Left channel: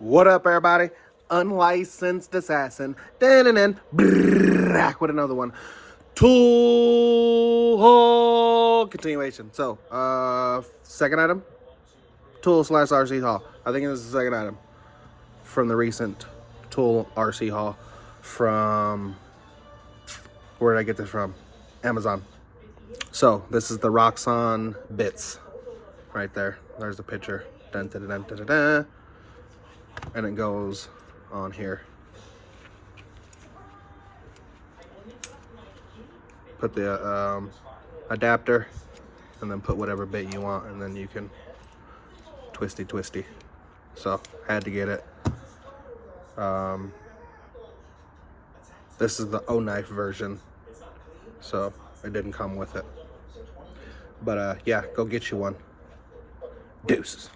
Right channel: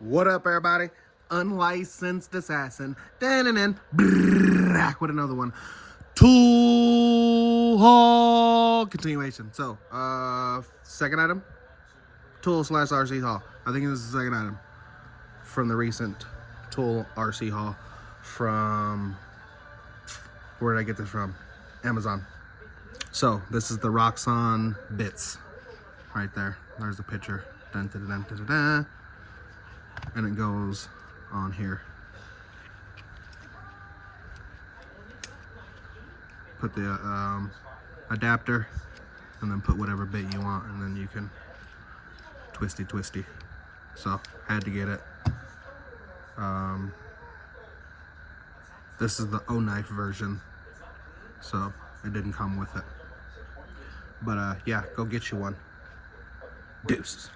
What up, everybody? Unlicensed assassin. Back with another one. Tool haul continuation. So, second item, tool / RC haul. I think it was the second item from the recent tool RC haul from, where did I get this from? Amazon. So this is the Roxon bits right there. There's the picture. Dun, dun, dun, dun, dun, dun. And it goes on here. Put the adapter and then put whatever bit you want, and then you can twisty. So had to get it. This is the Oknife version, so it didn't come with it. But yeah, go get you one. Deuces.